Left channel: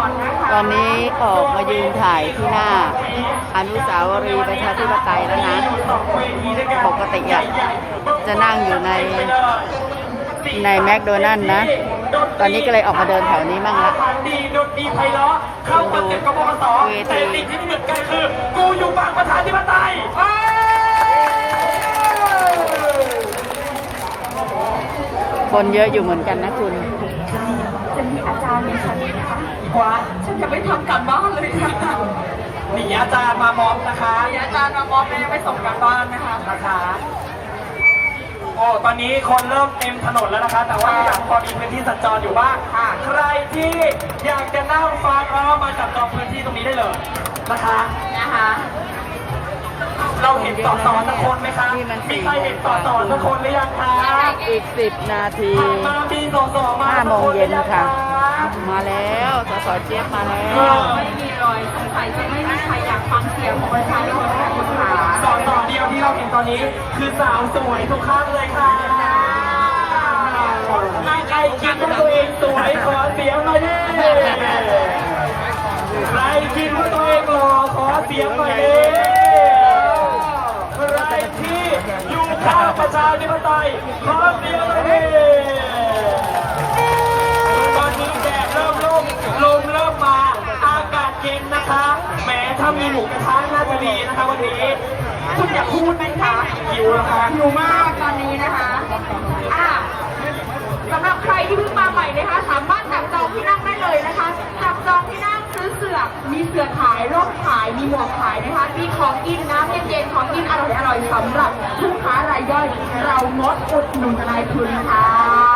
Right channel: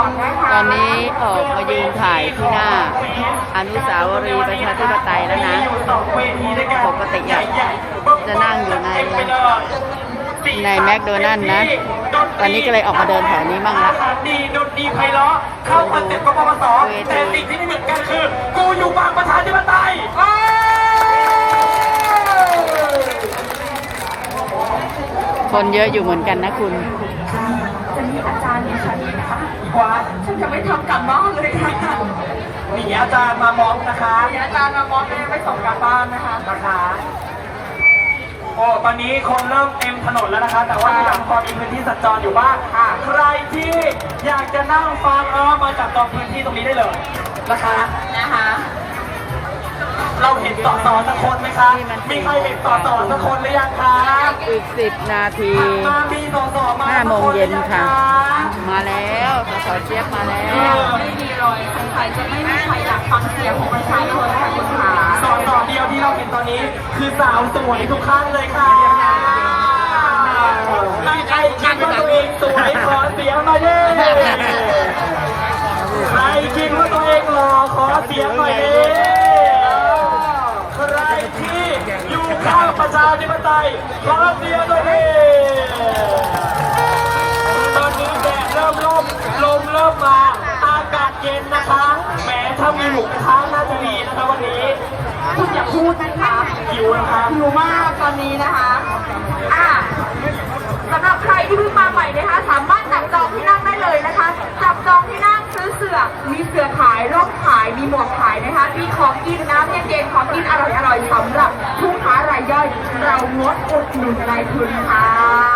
อนนะคะตอนนี้ออกมายืนถ่ายที่หน้า อนุสาวรีย์ประชาธิปไตยแล้วนะ ปกติอะจะนั่งอยู่ในในแมคโดนัลล์นะ ตอนนี้ก็เลยออกมาเดินแถวนี้มั่งละดีดนตรีไพเราะเข้าคอนเซ็ปต์กบพศแต่สิ่งที่ไม่เหมือนกันคือ กูอยู่บางประชาธิปไตยเอ้ยคนเยอะอยู่เหมือนกันนะคุณจะมีอาจารย์ดิฉัน นะคะว่า ฉันจะไม่ทำการบ้านเลยค่ะหนีอาจารย์มามอบนะคะมีอาจารย์มามอบแม่ไปส่งการบ้านไหมคะ นะคะโอ้ตอนนี้คนเริ่มเต็มถนนแล้วนะคะ แต่ว่ายังพอมีพื้นที่สัญจรอยู่บ้างค่ะใครที่อยากจะนั่งฟังก็มาจับจองพื้นที่ตรงนี้ได้เลยนะคะ นะคะ เราเห็นสอสอสักคนไหมคะมีใครเห็นสอสอสักคนหรือยังคะอีก 10 นาทีมามีสอสอมาห้าโมงเย็นค่ะ มาแล้วสสเจี๊ยบมาแล้ว ไม่มีรอยสงสัยจะไม่มีใครอยากฟังเสียงของประชาชนค่ะคุณขาสอสอเดียวที่เราเห็นตอนนี้ คือสาวสวยทุกท่านเลยค่ะถ้าใครคิดว่าตัวเองสวยขอเสียงหน่อยดิใครคิดว่าตัวเองหล่อขอเสียงหน่อยดิใครที่อยู่ข้างประชาธิปไตยขอเสียงหน่อยดิ เย็นนะคะแหมถ้ามีหมูกระทะน่าจะดีนะคะวันนี้ คุณอยากพูดไหมคะหิวแล้วคะ หิวมากตอนนี้นะคะอะสำหรับใครที่เพิ่งมาใหม่นะคะ สามารถจับจองที่นั่งได้เลยนะคะจับจองที่นั่งซื้อเสือมีเสือขายร่มขายมีหมวกขายนะคะ มีของกินน้ำเย็นๆของกินอร่อยๆสำหรับผู้ค้ารายย่อยเรางดอุดหนุนนายทุนค่ะ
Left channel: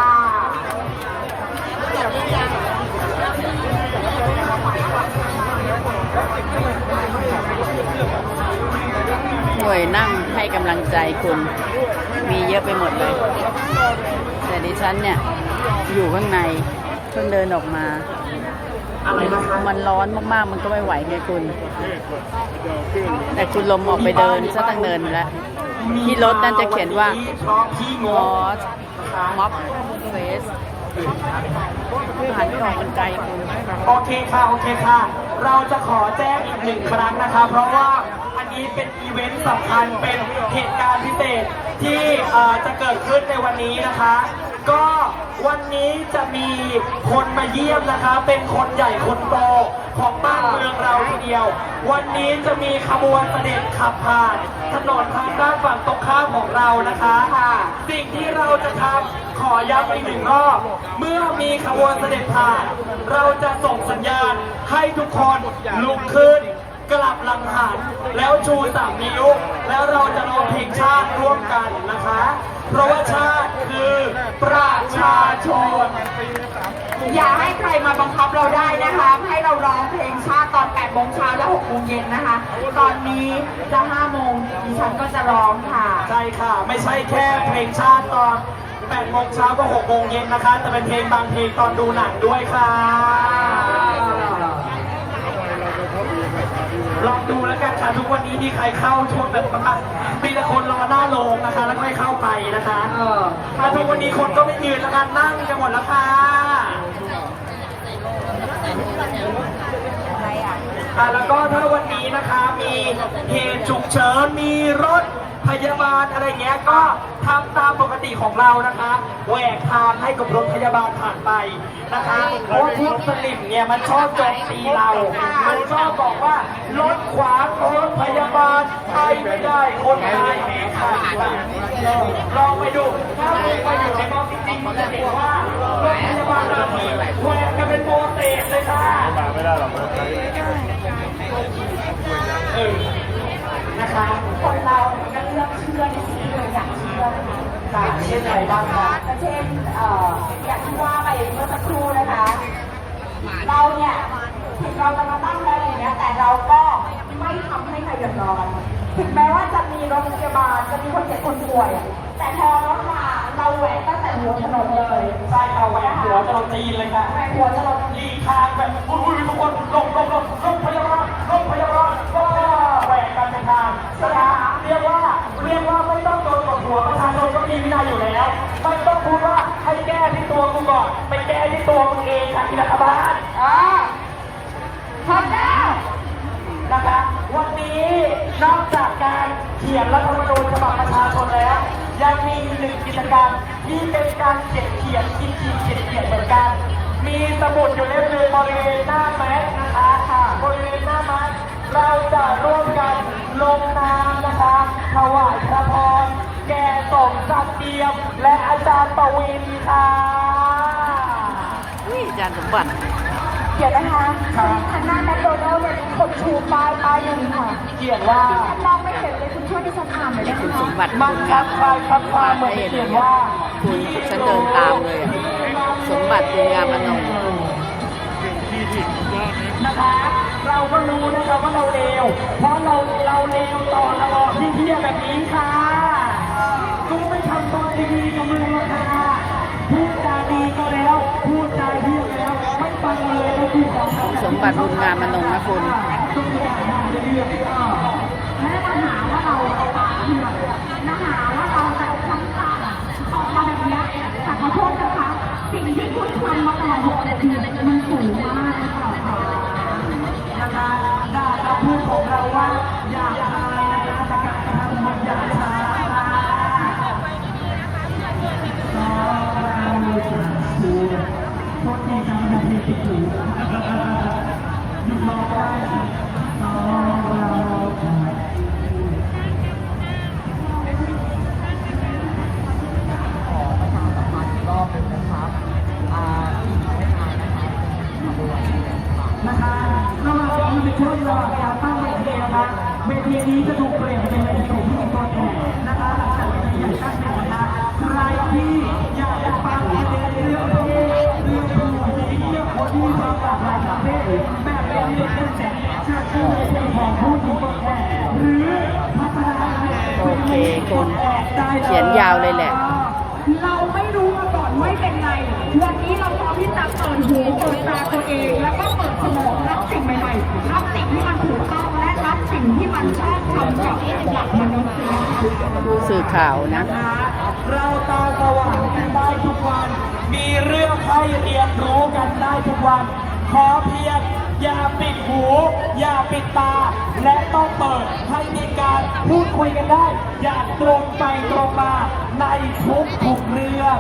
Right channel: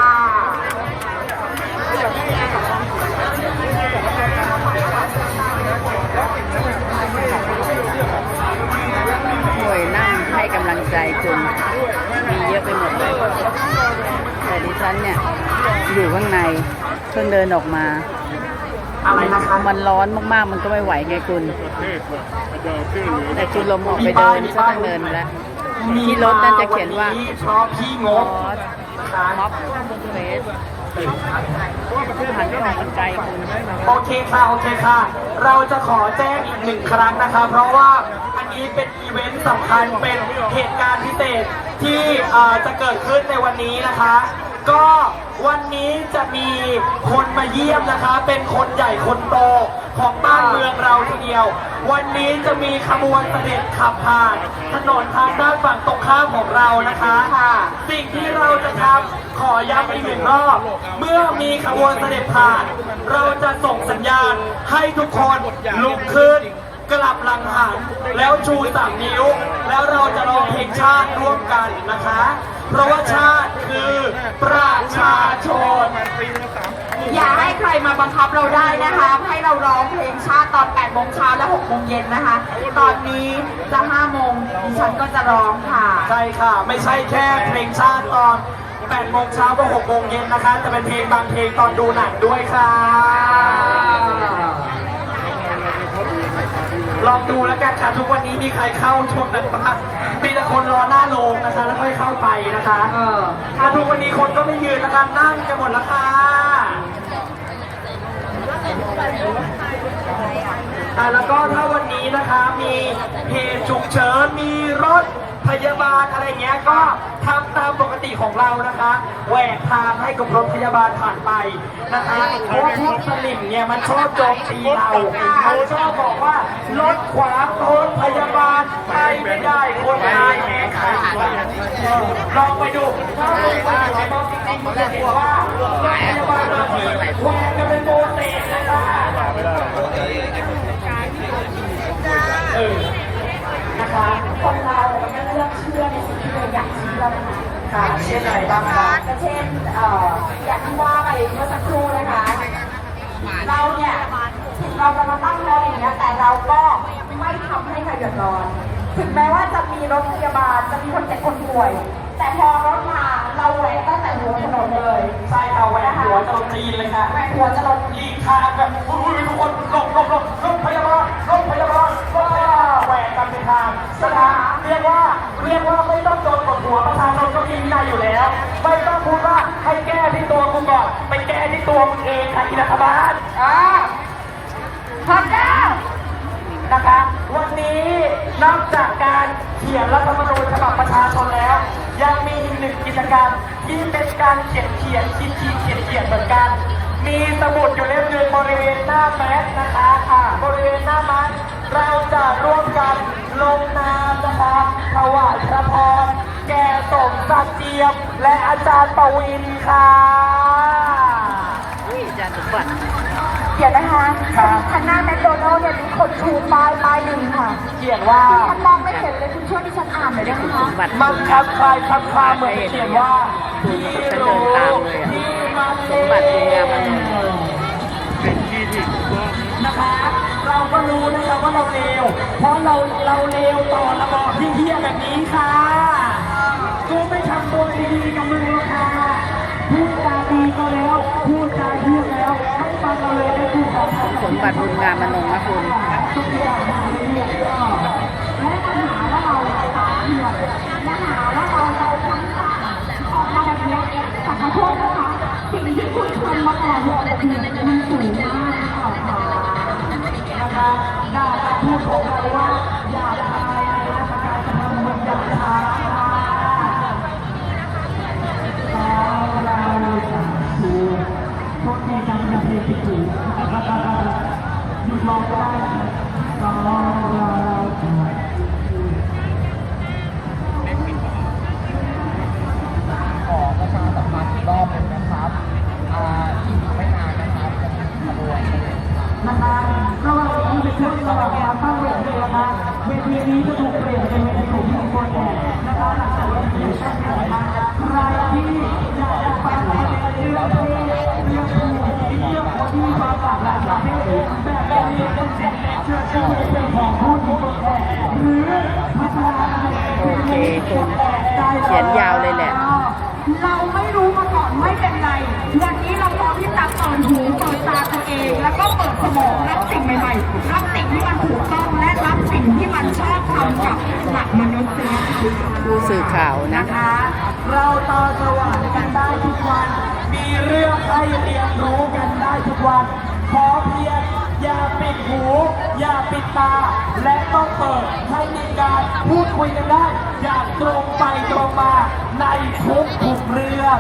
หน่วยนั่งให้กำลังใจคุณ มีเยอะไปหมดเลย แต่ดิฉันเนี่ย อยู่ข้างใน เพิ่งเดินออกมาอะไรมันร้อนมากๆ มันก็ไม่ไหวไงคุณ แต่คุณลมออกไปเดินซะตั้งเดินแล้วที่รถนั่นจะเขียนว่าเพราะพี่งมอสมอบ เฟสคือหันไม่ออกมันไกลคุณโอเคค่ะ โอเคค่ะ เราจะขอแจ้งอีกหนึ่งครั้งนะคะ เพราะว่าอันนี้เป็นอีเวนต์สำคัญเป็นเหตุการณ์พิเศษที่จะเกิดขึ้นในวันนี้นะคะ ก็ วันนี้จะมีคนมาเยี่ยมนะคะ เป็นคนใหญ่คนโตของบ้านเมืองเราทีเดียว วันนี้จะมีขบวนเสด็จขับผ่าน ถนนทางด้านฝั่งตรงข้ามของเรานะคะค่ะสิ่งที่เราจะทำขอย้ำอีกหนึ่งรอบ เมื่อมีขบวนเสด็จผ่าน เราจะส่งสัญญาณให้ทุกคนลุกขึ้นกลับหลังหันแล้วชูสามนิ้ว แล้วเราจะร้องเพลงชาติร่วมกันนะคะ เพราะว่าชาติคือประชาชน อย่าให้ใครมาบังคับเราได้นะคะ ให้เราร้องเพลงชาติตอน8โมงเช้าและ6โมงเย็นนะคะ ตอนนี้จะ5โมงดิฉันก็จะร้องค่ะ ใช่ค่ะ ไม่ใช่แค่เพลงชาติตอน8โมงเช้าก็6โมงเย็นนะคะ จะเป็นเพลงบางเพลงตอนดูหนังด้วยค่ะ ลองดูแล้วกันค่ะทุกวันนี้มีใครเข้าช่วงนั้นบ้างมีแต่คนรอหน้าโรงนะคะ แล้วค่อยเข้าไปนะคะเออถ้าทุกวันนี้คนก็ไม่ยืนนะคะนั่งกันหมดแล้วค่ะอ่าแล้วก็ถ้าวันนี้นะคะมีเหตุฉุกเฉินมีรถพ ยาบาลอะไรเงี้ยก็ทำตามปกติของเรานะคะแหวกทางให้กับรถพยาบาลผ่านไปนะคะเพราะพวกสลิมเนี่ยมันชอบโจมตีเรามันชอบบอกว่ารถขวางรถพยาบาลไทยไม่ได้คนไทยแหมขาดลองไปดู เช่นอะไรบ้างคะก็เช่นเอ่ออย่างที่ว่าไปเมื่อสักครู่นะคะ เราเนี่ยถึงเราจะมาตั้งรถอย่างเงี้ยแต่เราก็ไม่ทำให้ใครเดือดร้อนถึงแม้ว่าจะมีรถพยาบาลจะมีคนเจ็บคนป่วย แต่พอรถมาเราแหวกตั้งแต่หัวถนนเลยใช่เอาแหวนหัวจะลงจีนเลยค่ะแหวกหัวจะเราหลีกทางแบบอุ้ยทุกคนหลบหลบหลบรถพยาบาลรถพยาบาลว้าแหวกกันเป็นทางสนามเรียกว่าเรียกว่า ไม่ต้องพูดว่าให้แก้ที่ตัวกูก่อน ไปแก้ที่ตัวมึงเองค่ะอีนับาลออพร้อมแล้วนะคะวันนี้นอกจากการเขียนรัฐธรรมนูญฉบับประชาชนแล้ว ยังมีหนึ่งกิจกรรมที่เป็นการเขียนเขียนคิดคิดเขียนเขียนเหมือนกันียม และอาจารย์ปวีณีค่ะอาจารย์สมบัติเดี๋ยวนะคะทางหน้าแมคโดนัลด์มีคนชูป้ายป้ายหนึ่งค่ะเขียนว่าฉันมองไม่เห็นเลยคุณช่วยดิฉันอ่านหน่อยได้ไหมคุณสคะมบัติคุณงามอนงมาได้เลยอะคุณฉันเดินตามเลยอะสมบัติคุณงามอนงนะคะเราก็รู้นะคะว่าเราเลวเพราะเราเราเลวต่อต่อพี่เพี้ยแบบนี้ค่ะำตัวดีๆกับมึงหรอกค่ะพูดจาดีก็แล้ว พูดจาเพี้ยแล้วให้ฟังเราเลยนะกูขอทำสมบัติบุญงามอนงนะคุณทุกอย่างด่าเลยเนี่ยสิ่งที่คุณทำมาตลอดมันสูงมากค่ะนะคะด่ากับพูดผมเราว่าอย่า หยุดรอก็ได้ เขียนยาวเลยแหละ เราไม่รู้มาก่อนไม่เป็นไร วันนี้เราต้องที่จะเปิดหูเปิดตาตัวเอง แล้วก็เปิดสมองรับสิ่งใหม่ๆรับสิ่งที่มันถูกต้องและรับสิ่งที่มันชอบทำกับหลักมนุษยธรรมผู้สื่อข่าวนะ เราตาสว่างกันได้ทุกวัน มีเรื่องให้เรียนรู้กันได้ทุกวันเช้าเพียงอย่าปิดหู อย่าปิดตา และต้องเปิดให้มีการพูดคุยกันได้ อย่างตรงไปตรงมาในทุกทุกเรื่อง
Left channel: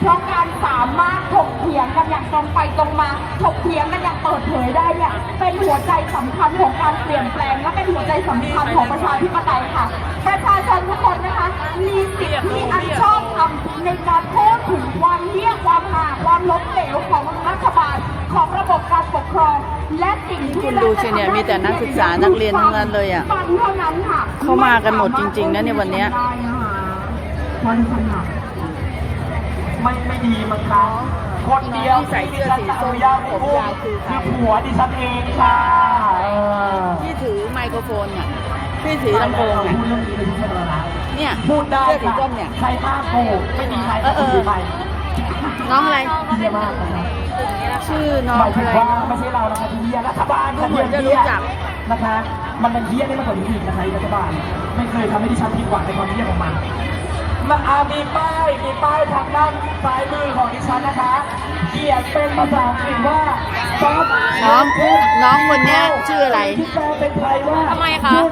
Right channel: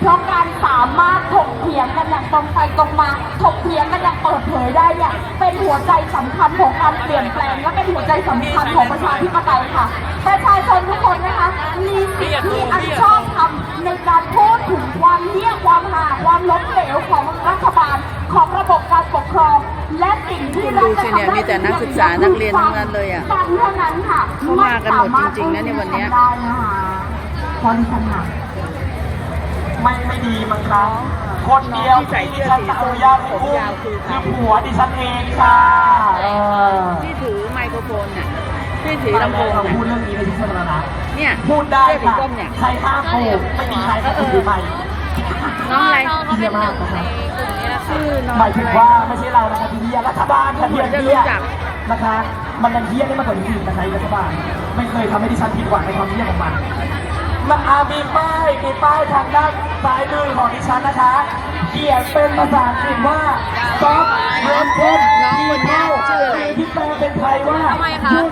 เพราะการสามารถถกเถียงกันอย่างตรงไปตรงมาถกเถียงกันอย่างเปิดเผยได้เนี่ยเป็นหัวใจสำคัญของการเปลี่ยนแปลง และเป็นหัวใจสำคัญของประชาธิปไตยค่ะ ประชาชนทุกคนนะคะมีสิทธิที่อันชอบธรรมในการพูดถึงความเหี้ยความหาความล้มเหลวของรัฐบาล ของระบบการปกครอง และสิ่งที่คุณดูสิเนี่ยมีแต่นักศึกษานักเรียนทั้งนั้นเลยอะการเท่านั้นค่ะเข้ามากันหมดจริงๆนะเนี่ยวันเนี้ยได้นะคะเพราะดิฉันหนักไม่ไม่ดีมั้งครับคนเดียวที่ดิฉันจะอนุญาตให้พูดคือผัวดิฉันเองค่ะเออที่ถือไมโครโฟนน่ะที่ถือลำโพงเราน่ะพูดเรื่องนี้ในที่สาธารณะเนี่ยพูดได้เสื้อสีค่ะส้มเนี่ยใครห้ามโกงไม่มีใครเออเออถือไปน้องอะไรเยี่ยมากนะครับ ชื่อน้องหมายถึงอะไรว่าไม่ใช่เรานะคะที่เยี่ยรัฐบาลค่ะเหมือนจะที่เยี่ยรู้จักนะคะ มันนันเยี่ยได้มากกว่านี้อีกนะคะรัฐบาล ไม่เคยทำให้ดิฉันผิดหวังในความเยี่ยของมันมาอามีป้ายมีป้ายทางด้านซ้ายมือของดิฉันนะคะ เขียนเป็นภาษาอังกฤษว่า stop น้องน้องคนเนี้ยชื่ออะไรที่แปลเป็นไทยว่า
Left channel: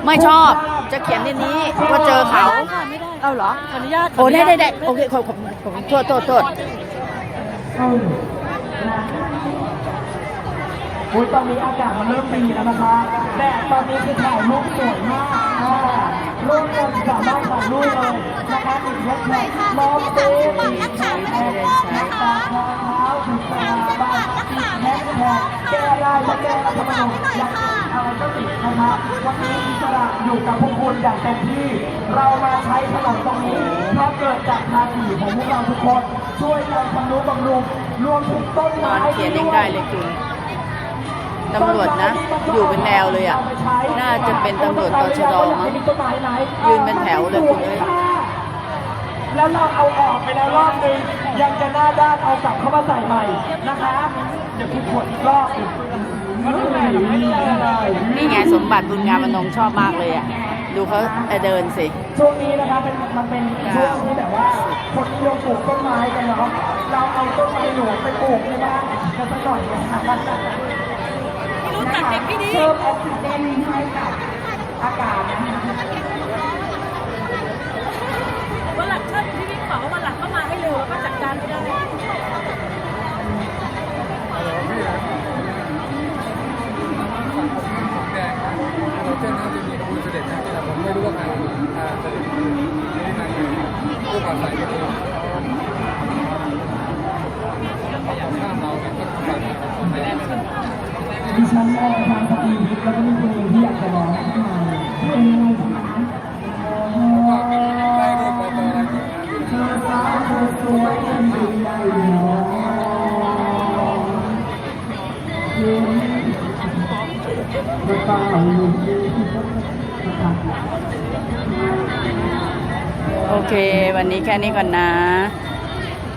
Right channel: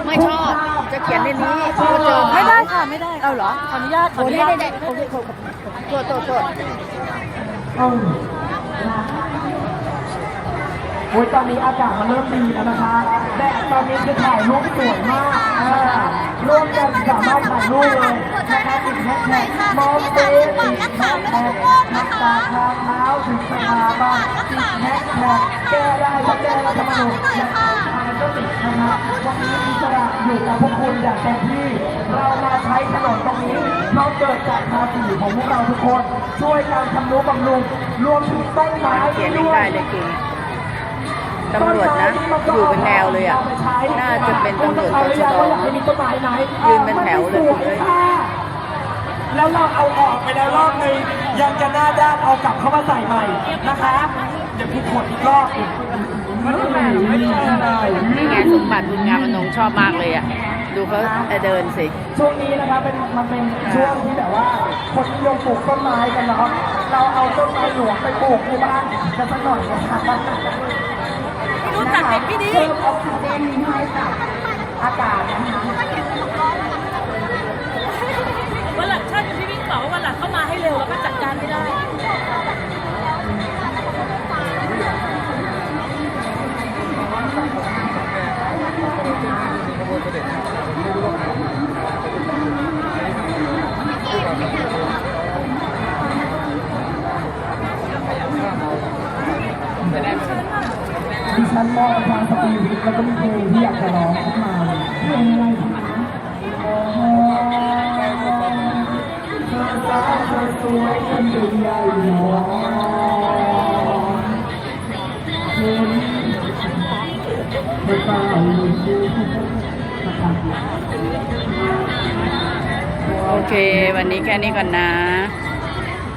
ไม่ชอบ จะเขียนในนี้ว่าเจอเขาไม่ได้ค่ะไม่ได้เอาเหรอขออนุญาตโอ้ได้ได้ได้โอเคขอขอบโทษโทษโทษ อืมโอ้ยตอนนี้อากาศมันเริ่มดีแล้วนะคะแดดตอนนี้คือถ่ายรูปสวยมากอ่าร่วมกันสามารถถ่ายรูปเลยนะคะติดแฮชแท็กมองเฟสติดแฮชแท็กน้ำตาทางเท้าถึงสถาบันติดแฮชแท็กแก้ได้ถ้าแก้รัฐธรรมนูญอยากอะไรก็ติดนะคะวันนี้อิสระอยู่กับพวกคุณอย่างเต็มที่ เรามาใช้ถนนตรงนี้เพราะเกิดจากภาษีของพวกเราทุกคน ช่วยการทำนุบำรุงรวมถึงต้นไม้นเขียนเองได้เลยคุณ ตำรวจนะ อยู่เป็นแนวเลยอะ น่าจะเป็นตำรวจตชดมั้งยืนเป็นแถวเลยคุณเอ้ยแล้วเราเอาออกไปแล้วรอบนึงยังจะหน้าด้านเอากลับเข้ามาใส่ใหม่นะคะ เดี๋ยวพี่ขดอีกรอบอีกมันไม่ได้ไม่ได้อะไรนี่ไงสมบัติบุญงามอนงชอบมากเลยอะ ดูเขาเดินสิ ช่วงนี้นะคะเป็นมันเป็นช่วงที่แบบว่าคนนิยมปลูกต้นไม้กันเนาะ เราเอาต้นไม้หลวงไปปลูกในบ้านกันสักหน่อยนะครับรู้ จัดเด็กที่ดีเพิ่มออกซิเจนให้กับอากาศ ดิฉันมองทางสตีวิทแล้วก็มีเพลงที่อยากจะร้องขึ้นมาเพลงอะไรคะเธอสาวเธอสวยจนดูใหญ่หนอเพลงพระเจ้าอยู่ที่พระเจ้าโอเค วันนี้แค่นี้ก่อนนะ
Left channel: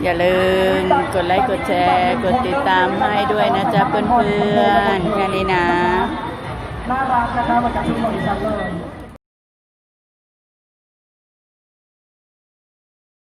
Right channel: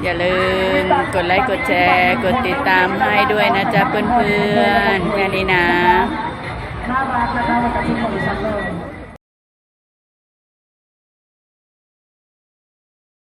อย่าลืมกดไลค์กดแชร์ กดติดตามให้ด้วยนะจ๊ะเพื่อนๆแค่นี้นะน่ารักนะคะเหมือนกับชุดของดิฉันเลย